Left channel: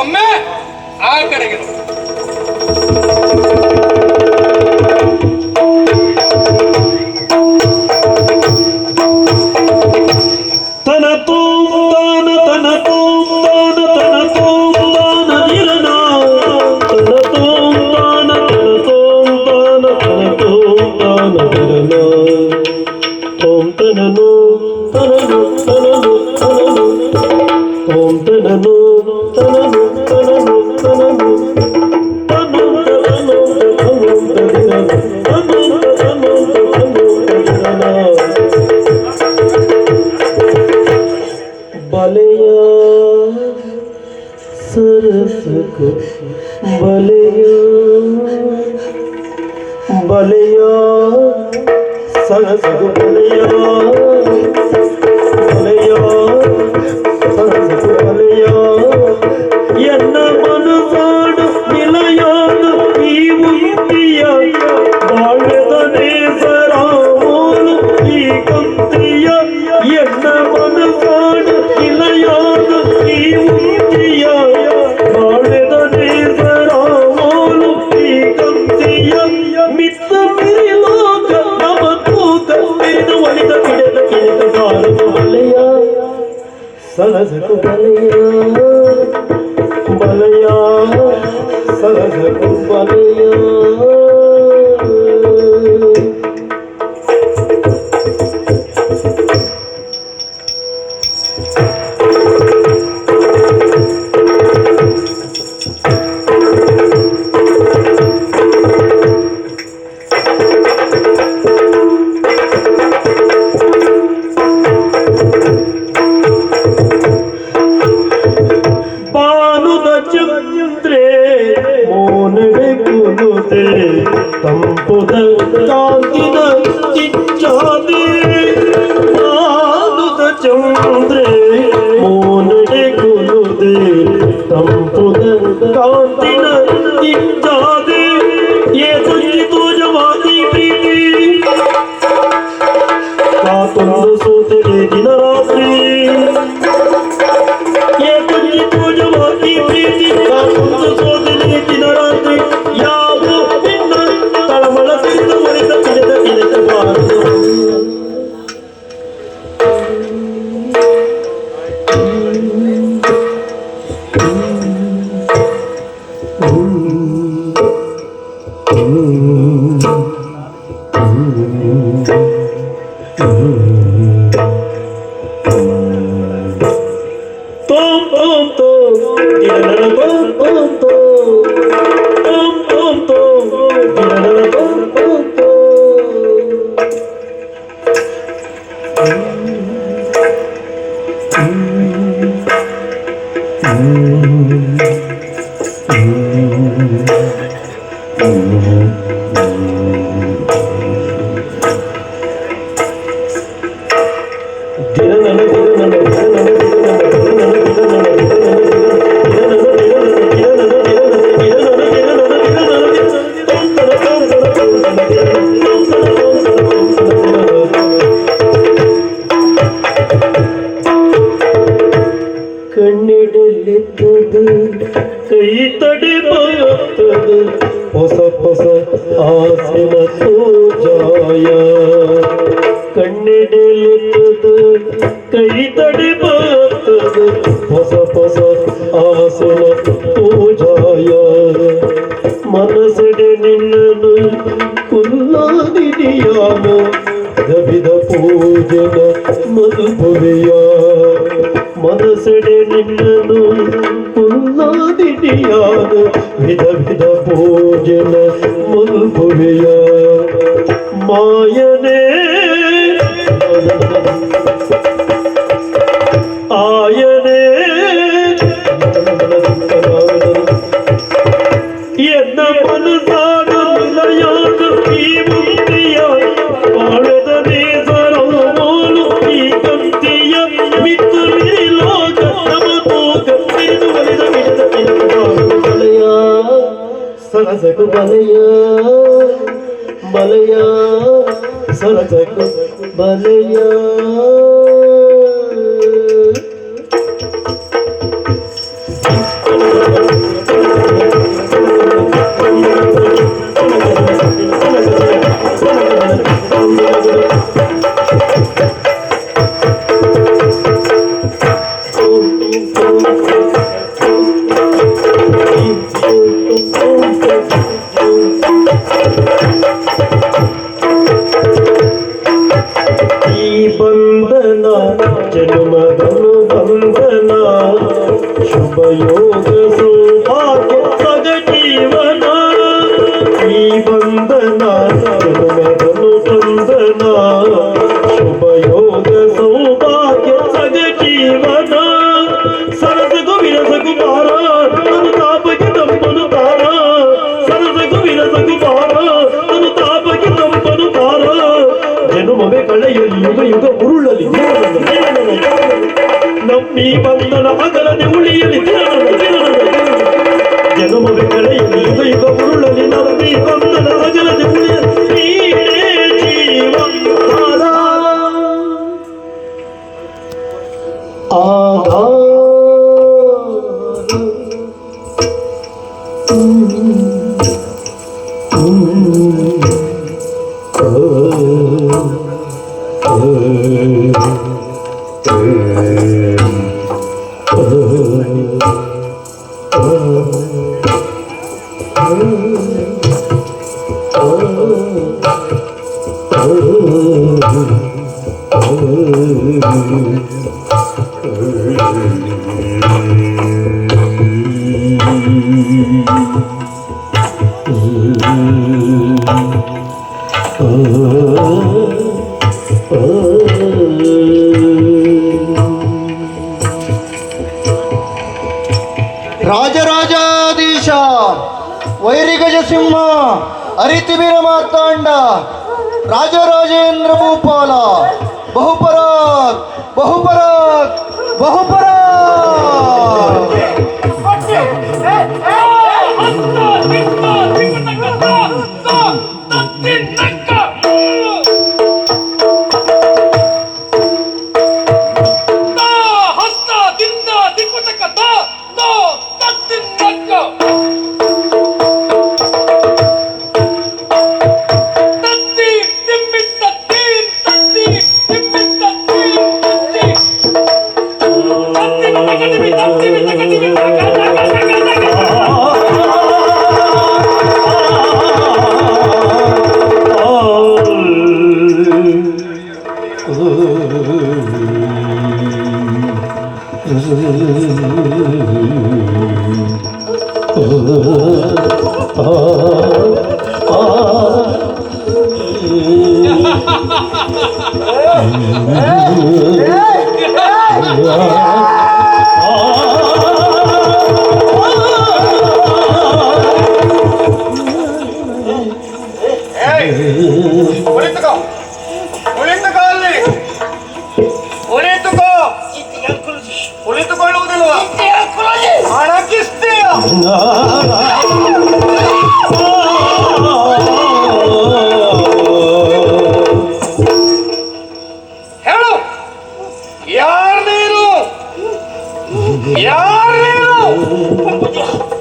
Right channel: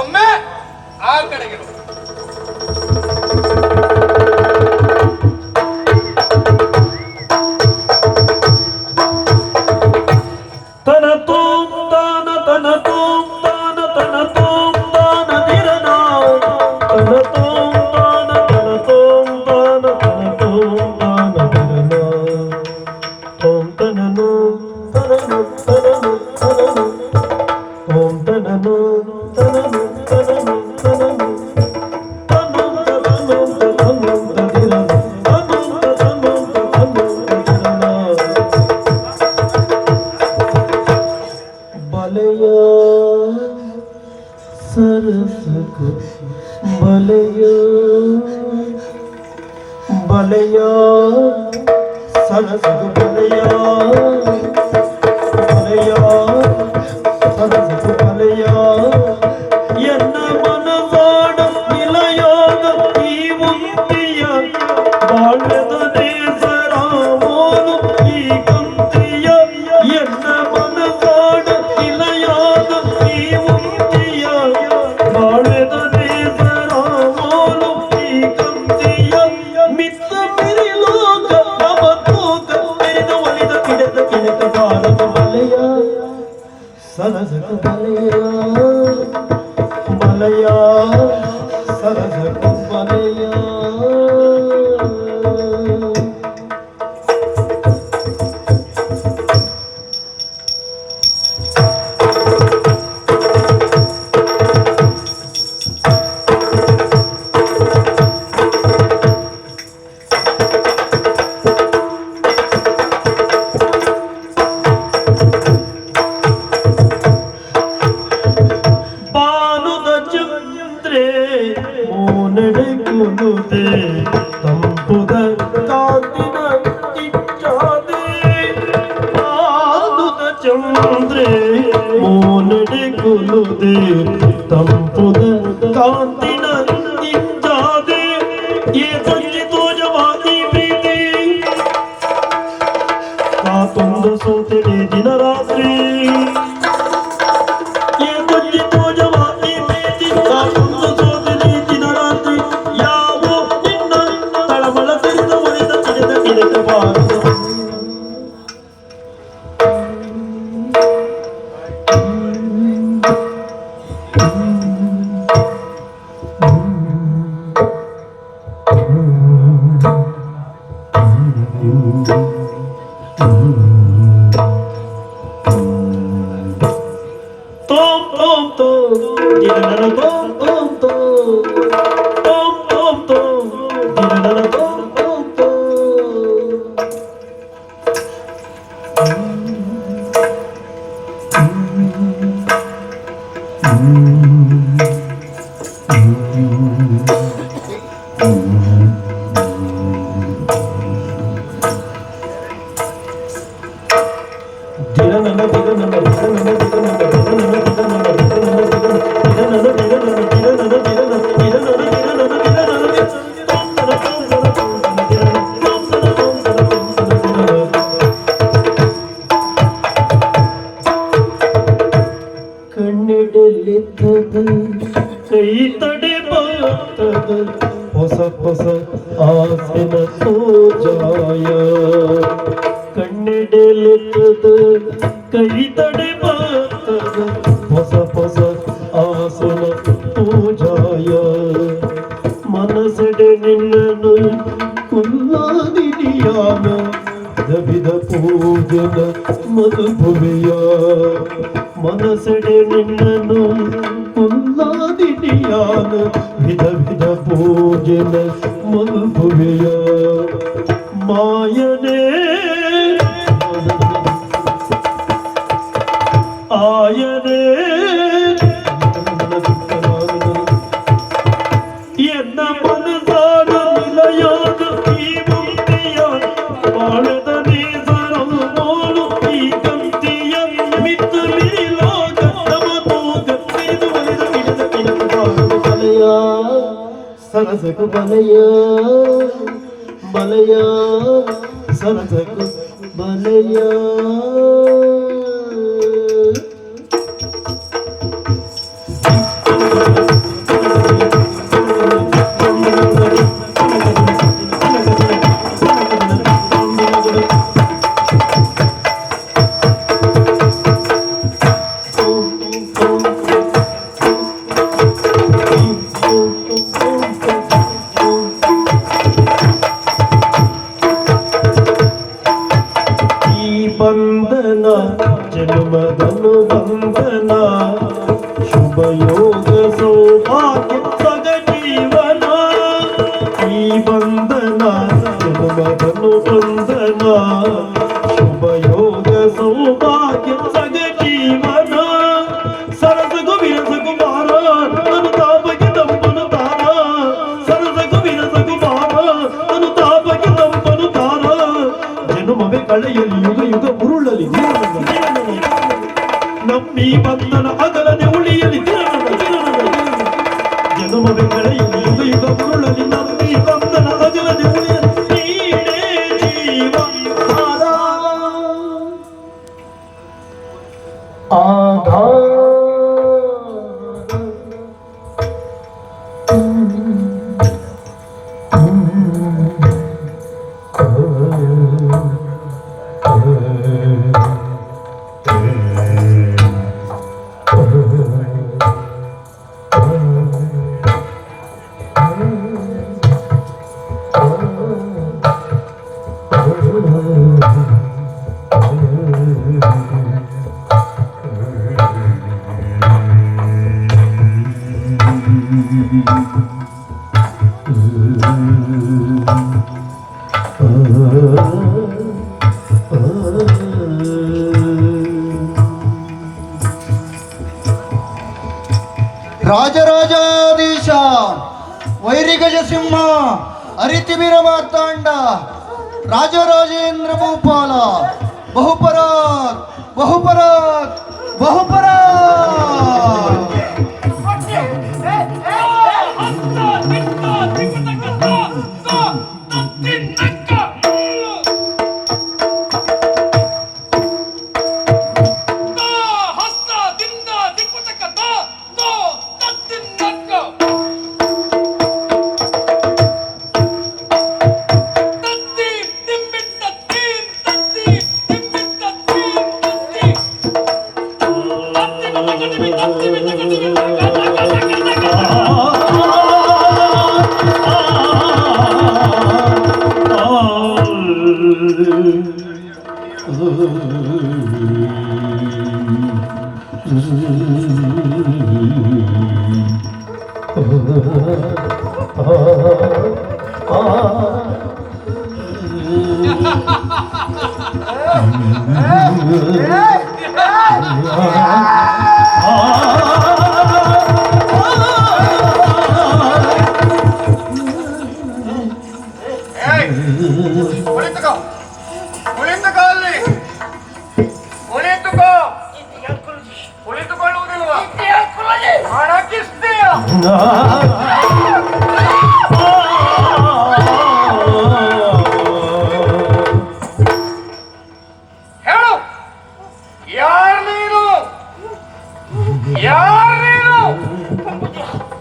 ಒಮ್ಮೆ ಆ ಕಡೆಗೆ सरसको बलया सरसको बलया सरसको बलया ಎನ್ನ ಮನವಾಡ ನಿಲಯಾದ ಈ ಉಂಟಿಯ ಬಾಳದ ನೇಸರಾಮೋನು ಈ ಕಂತ್ರಿಯ ಎನ್ನ ಮನವಾಡ ನಿಲಯಾದ ಈ ಉಂಟಿಯ ಬಾಳದ ನೇಸರಾಮೋನು ಈ ಕಂತ್ರಿಯ ಮಿತ್ತ ಮೇಲೋಕ ನಮತೋಕ ಮೇನ ಒಲಿದ ಕಿಡದ ಕಿಡದ ಬಾಳದ ಬಲೆಯ ಸರಸಕು ಬಲೆಯ बलया सरसको बलया ತಂಪುದ ಕಾಂತಿನ ಚಿಚ್ಚಾದೆ ಆದುದ ಚಂದ್ರೆ ಮೋನಡೆ ಕುಲುದೆ ತಂಪುದ ಕಾಂತಿನ ಚಿಚ್ಚಾದೆ ये संगीतो जवानी प्रीति कातुंद सूतरे दिन रात्रि ये संगीतो जवानी प्रीति कातुंद सूतरे दिन रात्रि यावो निन्न तळमळ ಸಿರಿದ ಒಲಿದ ಕಿಡಿದ ಕಿಡಿದ ಬಾರು tom tom tom tirana tom tom tom tom tom tirana tom tom ಕಣ್ಣಿಡಲಿದ್ದದು ಕೈ ತಡೆಬಾರದು ಹೊಸ ಹೊಸ ಆಸನ ಸೋಜಾಯ ಕಣ್ಣಿಡಲಿದ್ದದು ಕೈ ತಡೆಬಾರದು ಹೊಸ ಹೊಸ ಆಸನ ಪೂಜಾಯ ಮನಸಡೆ ನಿನ್ನನು ಕುಲ್ಲಾದಿಯಾನ ವಿಧ ಪೂಜನ ಮಧುಪುರಿಯ ಮನಸಡೆ ನಿನ್ನನು ಕುಲ್ಲಾದಿಯಾನು ವಿಧ ವಿಧ ಪೂಜನ ಮಧುಪುರಿಯ ಮಾಯನೇ ಆಯನೇ ಎನ್ನ ಮನಸಾದ ನಿಲಯಾದ ಈ ಮುಕ್ತಿಯ ಬಾಳದ ನೇಸರಾಮೋನು ಈ ಕಂತಿಯ ಮಿತ್ತು ಲೋಕ ನಮತೋಕ ಸಿರಿದು ಒಲಿದ ಕಿಡಿದ ಕಿಡಿದ ಬಲಯ ಸರಸಕು ಬಲಯ ಬಲಯ ಸರಸಕು ಬಲಯ ಈ ಬಂಧನ ಜನ್ಮದನು ಬಂಧನ ಶುಭ ಯೋಗ ಸೌಭಾಗ್ಯ ಸಗ ಜೀವನ ಈ ಬಂಧನ ಜನ್ಮದನು ಬಂಧನ ಶುಭ ಯೋಗ ಸೌಭಾಗ್ಯ ಸಗ ಜೀವನ ಸರಸಗು ವಿರಸಗು ಬಾರ ತನು ತಾಪಕ್ಕೆ ತಂಪನು ಬಾರ ಸರಸಗು ವಿರಸಗು ಬಾರ ತನು ತಾಪಕ್ಕೆ ತಂಪನು ಬಾರ ಜನುಮವೇ ಕಳೆಯಲಿ ಯುಗ ಯುಗ ಉರುಳಲಿ ನಮ್ಮಿ ಬಂಧನ ಅಗಲದೆ ಉಳಿಯಲಿ ಜನುಮವೇ ಕಳೆಯಲಿ ಯುಗ ಯುಗ ಉರುಳಲಿ ನಮ್ಮಿ ಬಂಧನ ಅಗಲದೆ ಉಳಿಯಲಿ ನೀನೇ ಜೀವನಾಧಾರ. ಆಧಾರ. ರಾಜರಾಜಾಧೀಶ ವೈರಿಗಜ ಸಿಂಹ ಅರಿತಿಬೀರ ಮಾರ್ತಾಂಡ ರಾಜರಾಜೇಂದ್ರ ಭೂಪಾಲ ಬಹುಪರಾಕ್ ಬಹುಪರಾಕ್ ಬಹುಪರಾಕ್. ಉಳಿತುಕೊಳ್ಳುವುದಿಲ್ಲ.